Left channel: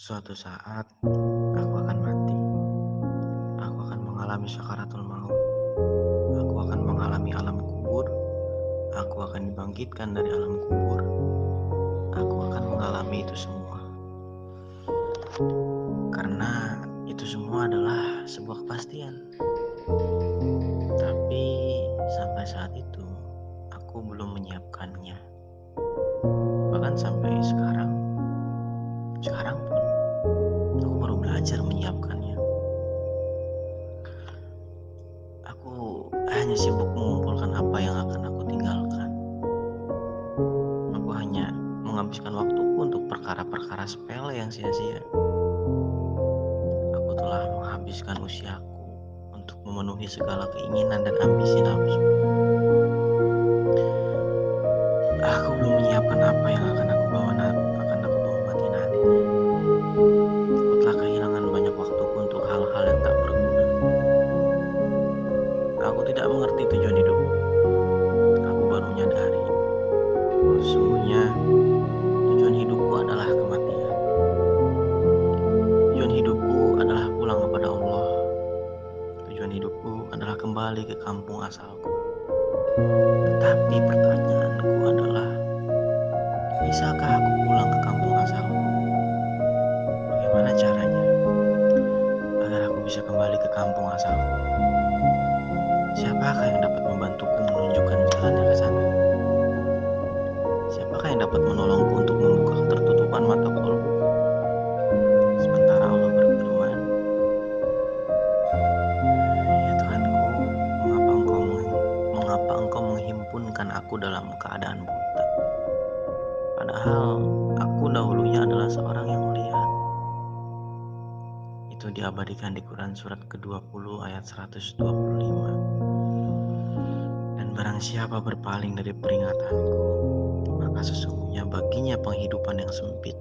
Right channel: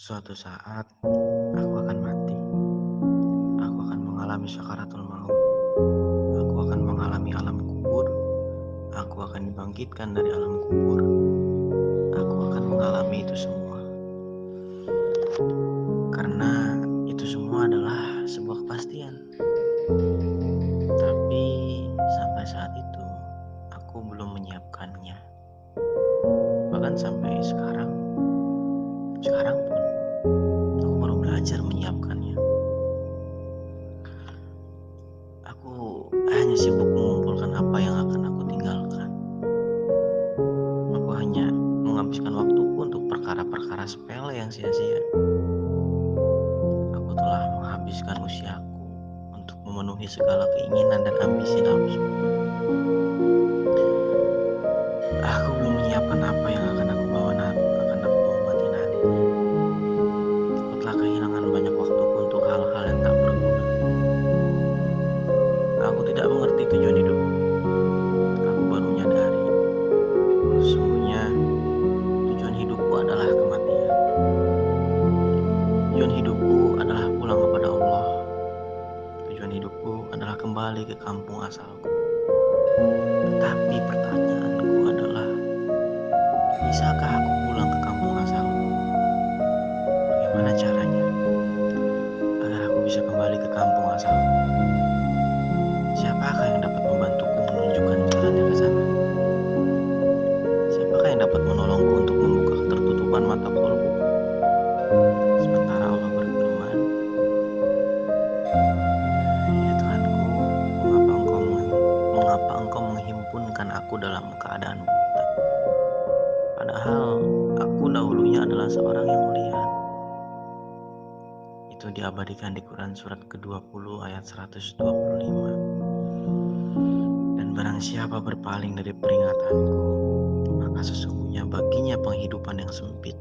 Suatu saat, aku akan mati. Aku akan mengalami syakaratul maut. Aku akan mengalami alam kubur. Aku akan dibangkitkan dari alam kubur. Aku akan mengalami itu semua. Karena itu semua adalah sebuah kepastian. Tapi sampai saat itu, aku belum menyiapkannya. Bahkan sampai sekarang pun, aku baru belajar menyiapkannya. Aku hanya sibuk mengumpulkan apa yang akan aku tinggalkan. Aku hanya menghabiskan waktuku untuk perkara-perkara sepele yang sia-sia. Aku telah menghabiskan usiaku untuk memenuhi segala keinginan dan ambisi nafsu. Aku belum menyiapkan apa yang akan aku bawa mati nanti. Aku telah kehilangan banyak waktuku untuk hal-hal yang tak berguna. Aku tidak mengerti tujuan hidupku. Aku baru menyadari bahwa sesungguhnya tujuan hidupku adalah kematian. Tujuan hidupku adalah pulang kepada Allah. Tujuan hidupku adalah kembali ke kampung asalku. Tetapi pertanyaanku adalah, bisakah aku pulang ke kampung asalku? Bagaimana caranya agar aku bisa kembali ke kampung asalku? Siapakah yang dapat membantuku menunjukkan jalannya ke sana? Siapakah yang dapat menolongku untuk membuka ketertutupan mata kolbuku? Sementara Allah berfirman, "Ya Tuhanku, mengapa engkau menghimpunkan aku dalam keadaan buta? Padahal aku dahulunya adalah seorang yang melihat." Itu diabadikan di Quran surat ke-20 ayat 125. Dan barang siapa berpaling dari peringatanku, maka sesungguhnya baginya penghidupan yang sempit.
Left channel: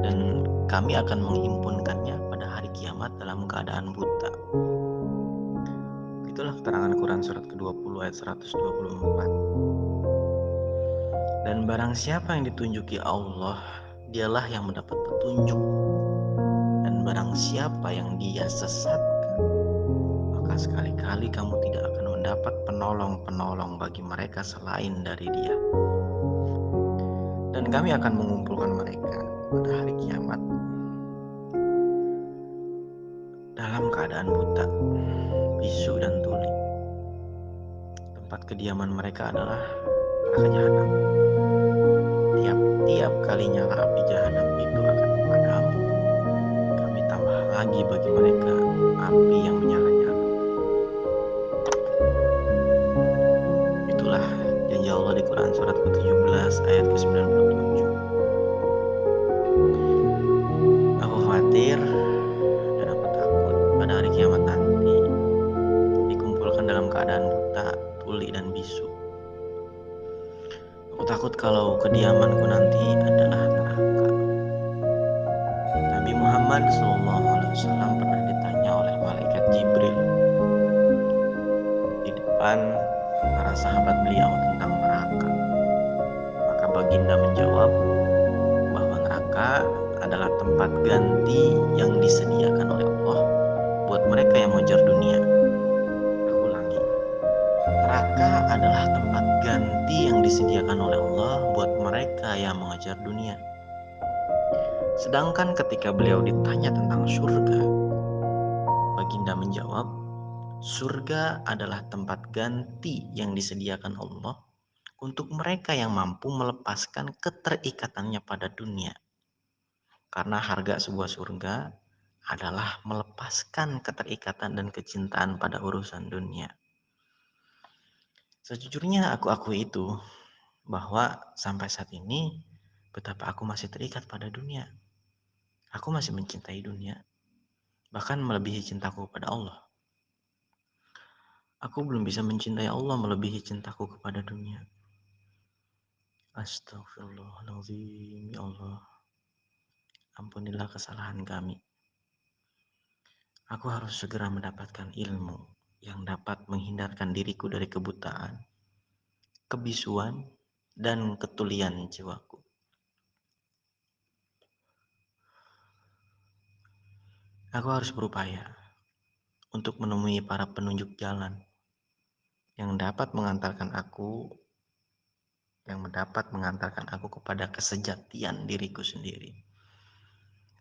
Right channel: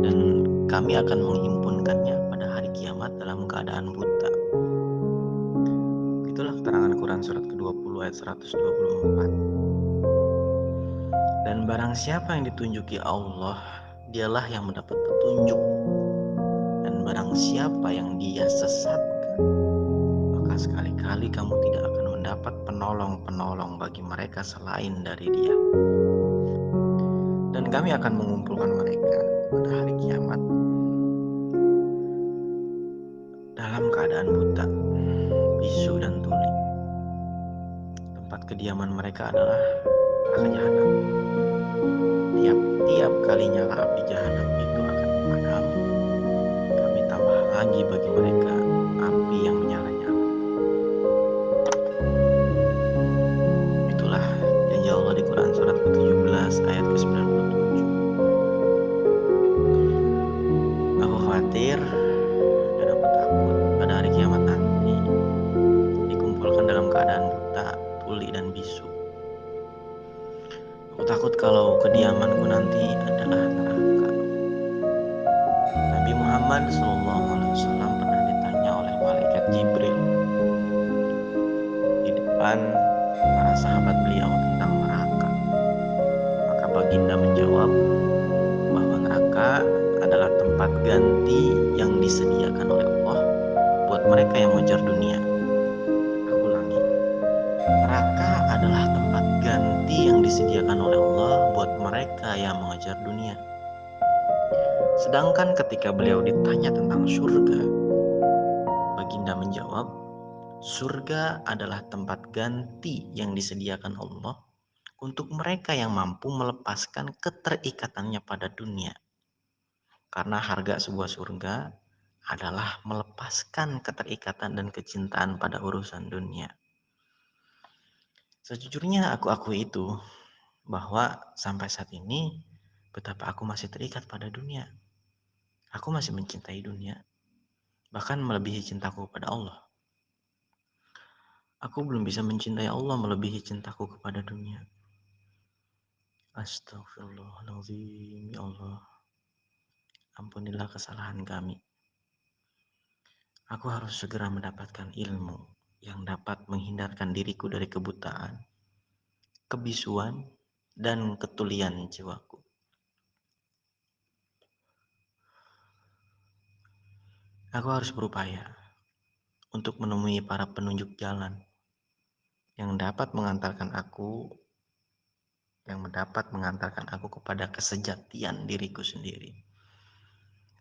Dan kami akan menghimpunkannya pada hari kiamat dalam keadaan buta. Itulah keterangan Quran surat ke-20 ayat 124. Dan barang siapa yang ditunjuki Allah, dialah yang mendapat petunjuk. Dan barang siapa yang dia sesatkan, maka sekali-kali kamu tidak akan mendapat penolong-penolong bagi mereka selain dari Dia. Dan kami akan mengumpulkan mereka pada hari kiamat dalam keadaan buta, bisu dan tuli. Tempat kediaman mereka adalah neraka jahanam. Tiap-tiap kali nyala api jahanam itu akan padam, kami tambah lagi bagi mereka api yang menyala-nyala. Itulah janji Allah di Quran surat ke-17 ayat ke-97. Aku khawatir dan aku takut pada hari kiamat nanti dikumpulkan dalam keadaan buta, tuli, dan bisu. Aku takut kalau kediamanku nanti adalah neraka. Nabi Muhammad SAW pernah ditanya oleh malaikat Jibril di depan para sahabat beliau tentang neraka. Maka baginda menjawab bahwa neraka adalah tempat ganti yang disediakan oleh Allah buat mereka yang mengejar dunia. Aku ulangi, neraka adalah tempat ganti yang disediakan oleh Allah buat mereka yang mengejar dunia. Sedangkan ketika beliau ditanya tentang surga, baginda menjawab, surga adalah tempat ganti yang disediakan Allah untuk mereka yang mampu melepaskan keterikatannya pada dunia. Karena harga sebuah surga adalah melepaskan keterikatan dan kecintaan pada urusan dunia. Sejujurnya aku akui itu, bahwa sampai saat ini betapa aku masih terikat pada dunia. Aku masih mencintai dunia, bahkan melebihi cintaku kepada Allah. Aku belum bisa mencintai Allah melebihi cintaku kepada dunia. Astagfirullahaladzim, ya Allah. Ampunilah kesalahan kami. Aku harus segera mendapatkan ilmu yang dapat menghindarkan diriku dari kebutaan, kebisuan, dan ketulian jiwaku. Aku harus berupaya untuk menemui para penunjuk jalan yang dapat mengantarkan aku kepada kesejatian diriku sendiri.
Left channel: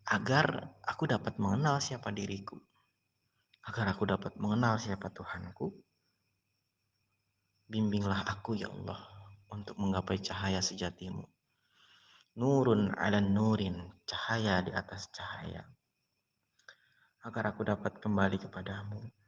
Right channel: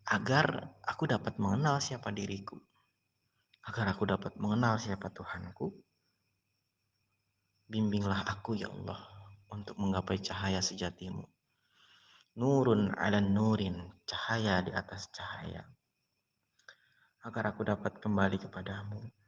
Agar aku dapat mengenal siapa diriku. Agar aku dapat mengenal siapa Tuhanku. Bimbinglah aku ya Allah untuk menggapai cahaya sejatimu. Nurun ala nurin, cahaya di atas cahaya. Agar aku dapat kembali kepadamu